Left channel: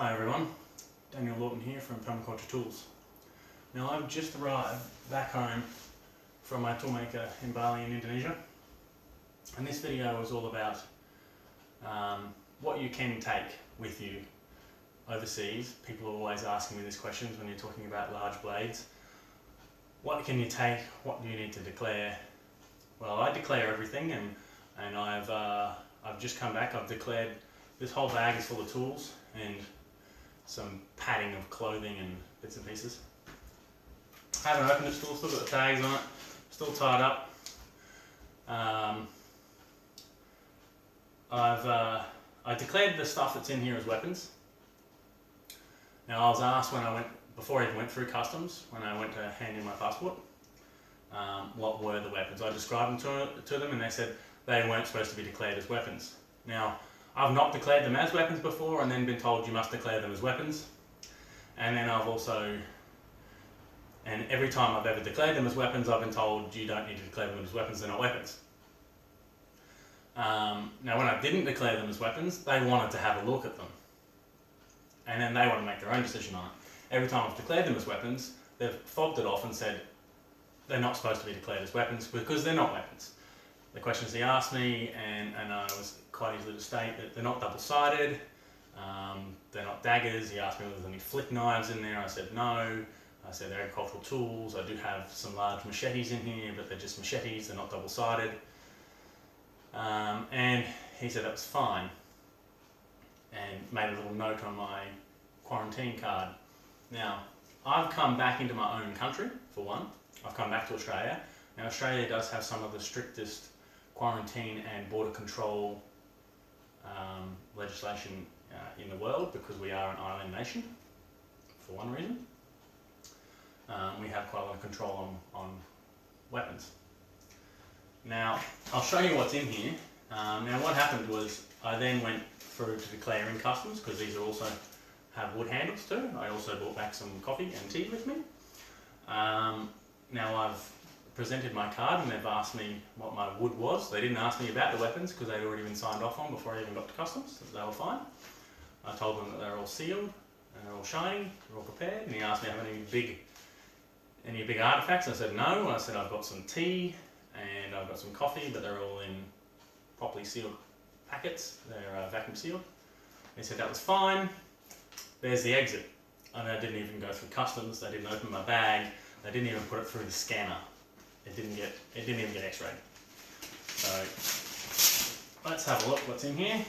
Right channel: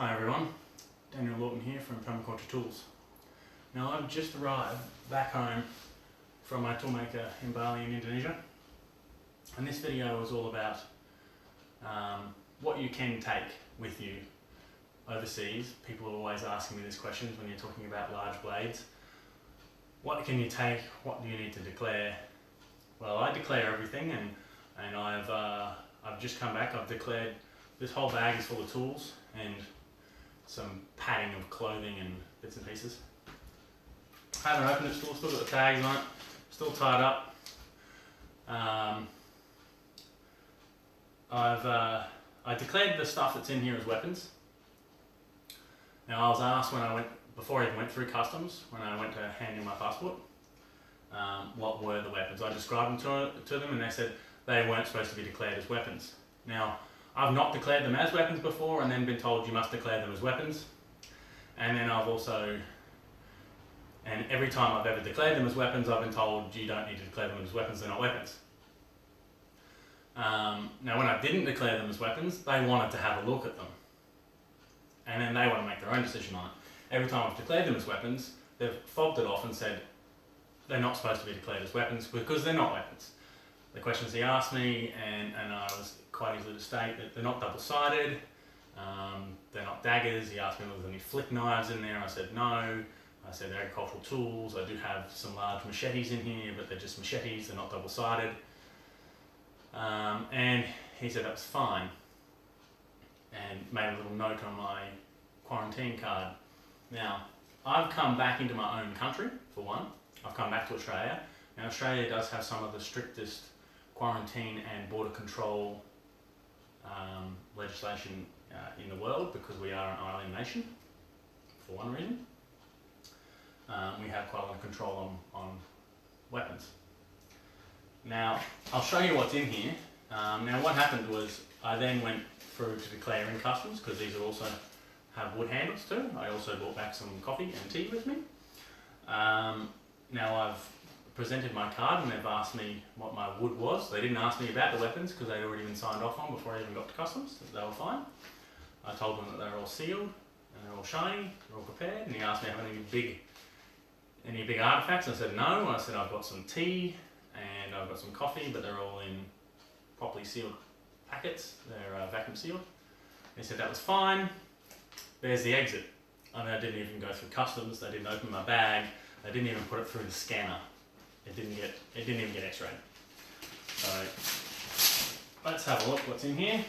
Hi everyone, Daniel Lawton here from Permaculture Tools. Now I've just arrived back home from my toolmaker in Bali in Indonesia, and this video is all about what you can take with you overseas. People are always asking me these questions when you're talking about large blades. What can you take? What do you need to declare? Well, I declare everything, and I've just come back. I've declared this whole bag is full of tools and some padding of clothing and bits and pieces. I haven't opened it still got the tags on it, still tied up. I declared the stuff that's in here as weapons. Now I was asked before I even went through customs, when I went to hand in my passport, what were the weapons. I described them to them and they said they weren't supposed to be declared as weapons. Now, I've not declared them as weapons before and then been told you must declare them as weapons. And then every time I've ever declared them as weapons, I've been told you don't need to declare them as weapons, they're not weapons. Now when I didn't declare them as weapons, they wanted to have a look at them. And then they want to make their own decision on it. Every time I've declared them as weapons, they've fobbed it off and said they're not supposed to be declared as weapons because they're not weapons. The questions he asked me, and I was quite easily to state that they're not double-sided, they're not daggers. He asked me if there was any flick knives in there. I said no. I said they're agricultural tools. I do have some large machetes in here, but they're just machetes, they're not double-sided. And he said that was fine, and made a little note on my quarantine card. Now, I've come back into my own country, for one. I've come back to Australia. Now, Australia does have some of the strictest quarantine and border control legislation in the world because we are an island nation, for one reason. We have quite a lot of control on weapons. Now, I'll show you what's in here. Now, what happened was I then went through to declare in customs because these are also have wood handles too. I also brought back some coffee and tea with me. Now I've presented my card and they've asked me what my wood was. They didn't ask me about the weapons because they'd already been signed off on before I even got to customs, so they were fine. I told them that they're all sealed and they're all shiny, they're all prepared, and he asked me if I have any big artifacts. I said no. I said I've got some tea and I've got some coffee, but they're all in properly sealed packets. They're vacuum sealed. He said that was fine. There's the exit. I mean, I didn't even go through customs. They didn't open my bag. They didn't even put it through the scanner. It didn't even get x-rayed. So let's have a look what's in here.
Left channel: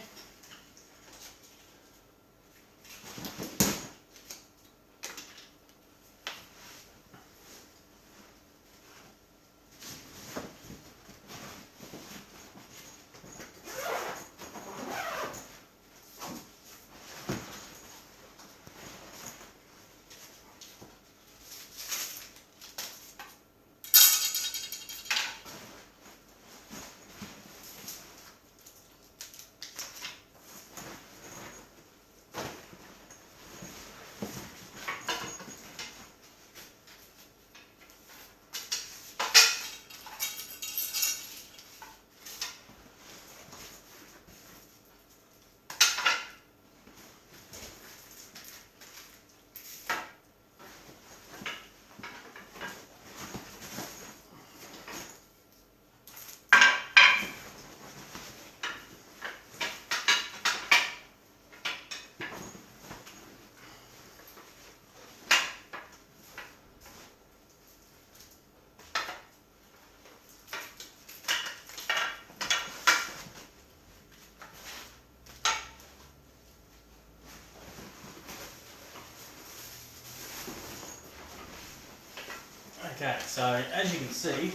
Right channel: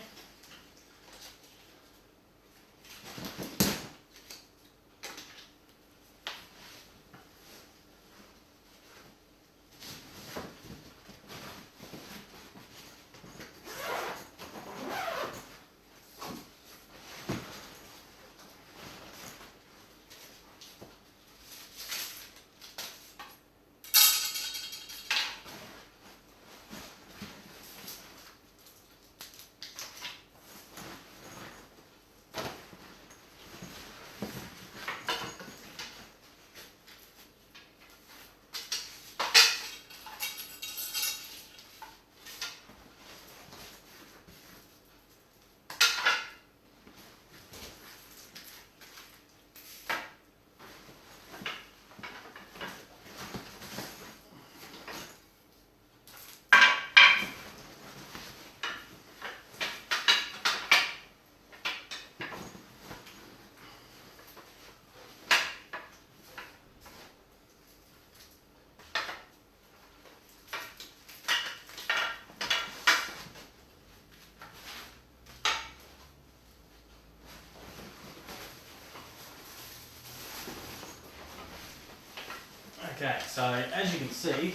Okay, so as you can see,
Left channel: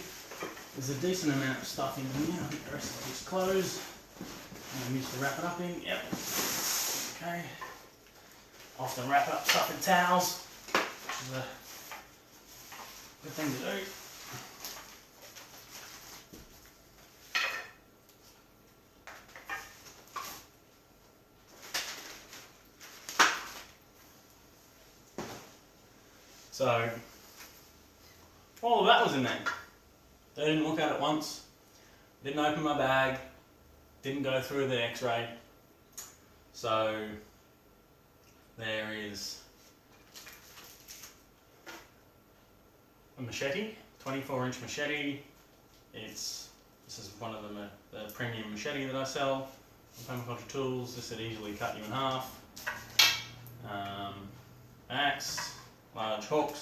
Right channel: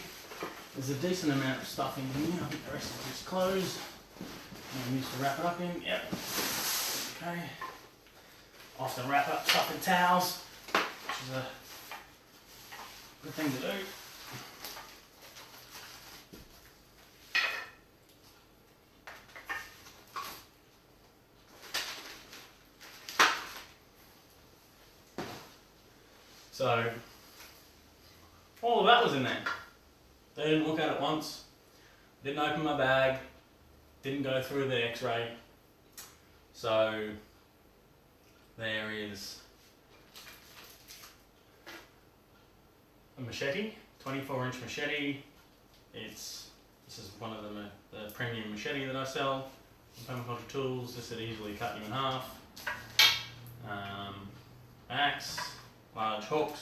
there's a decent amount of stuff in here. I think the rest of this clothes I'm used to wrap it up in. Yep. Okay. Often wrap up stuff in towels, which is a good thing to do. So all of that was in there. They didn't look at it once, didn't open my bag, didn't go through the x-ray. So There is a machete, 24-inch machete. This is one of the premium machete that I sell on Permaculture Tools. This would easily cut you in half. Axe, large hooks,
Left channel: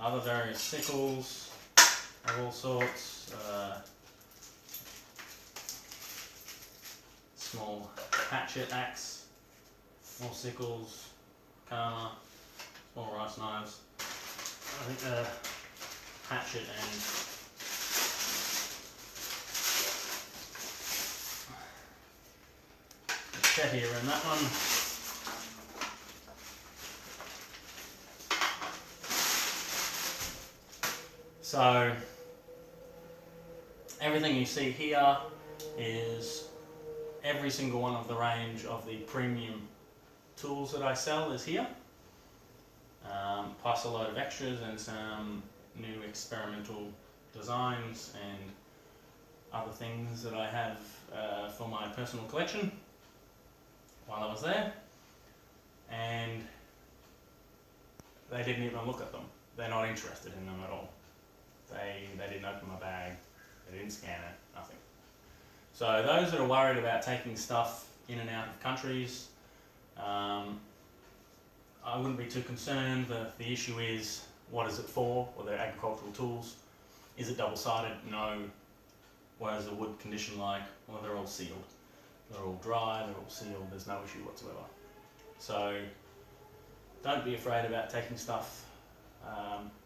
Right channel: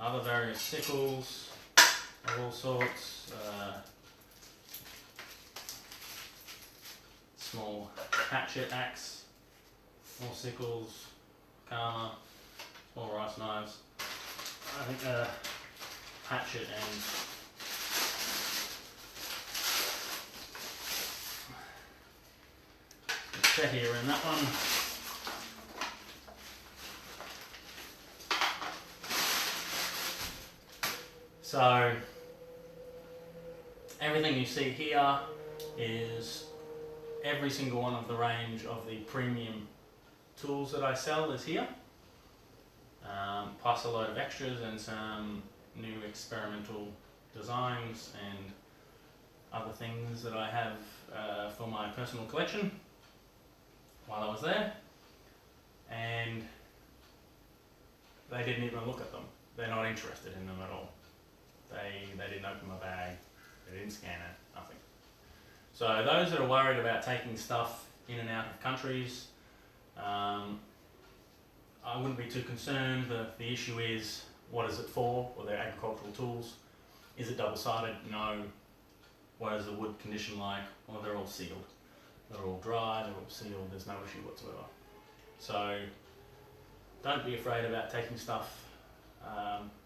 other various sickles of all sorts, small hatchet axe, more sickles, karma, small rice knives. I think a hatchet and machete are in that one. So everything you see here is every single one of the range of the premium tools that I sell is here, plus a load of extras and some new experimental designs and other things that I have for my personal collection while I was there. And they didn't even look at them. They're not interested in them at all. They didn't open my bag, they didn't scan it, nothing. So those that are worried about taking stuff in and out of countries, I wouldn't be too concerned. The issue is, what is it for? Well, they're agricultural tools. Is it double-sided? No. What is the wood condition like? Well, they're all sealed. They're all dry, they're all sealed, there's no issue whatsoever. So don't be afraid about taking stuff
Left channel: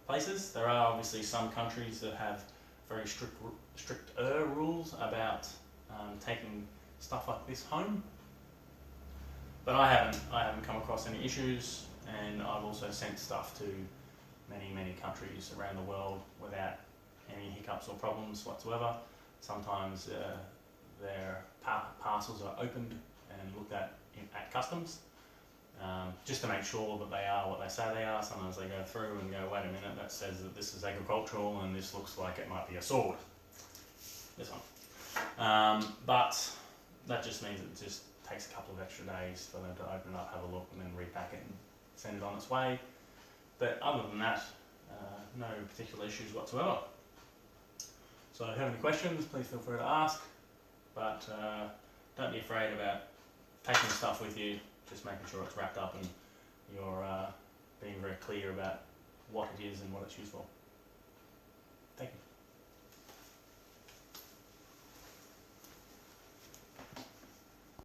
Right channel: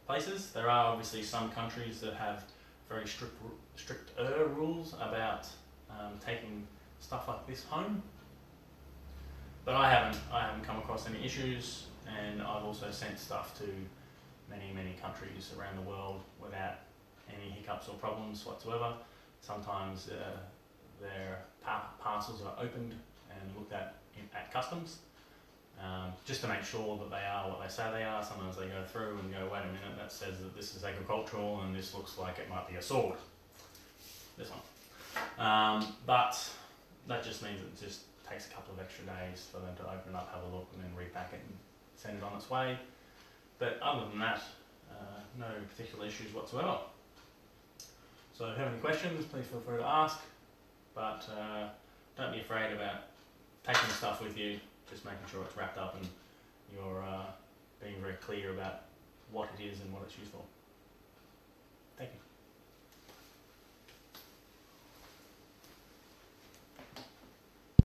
places. There are obviously some countries that have very stricter rules about taking stuff like this home, but I haven't come across any issues, and I've also sent stuff to many countries around the world without any hiccups or problems whatsoever. Sometimes their parcels are opened and looked at at customs, just to make sure that they are what they say they are. Sometimes they go through and go, wait a minute, that says that this is agricultural and this looks like it might be a sword. This one. But that just means it just takes a couple of extra days for them to open it up, have a look, and then repack it and send it on its way. But other than that, no particular issues whatsoever. So if you have any questions, please feel free to ask. But don't be afraid about taking stuff with you, just making sure it's wrapped up and you're being very clear about what it is and what it's used for. Thank you.